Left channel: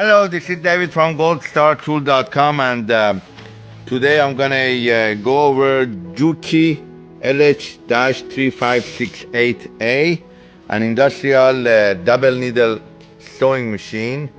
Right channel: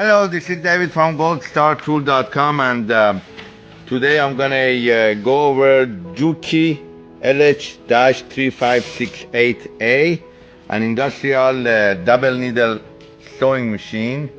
Hello, this is David from goldstartool.com, and today I'm gonna go over Juki LH-3568A, an industrial double needle sewing machine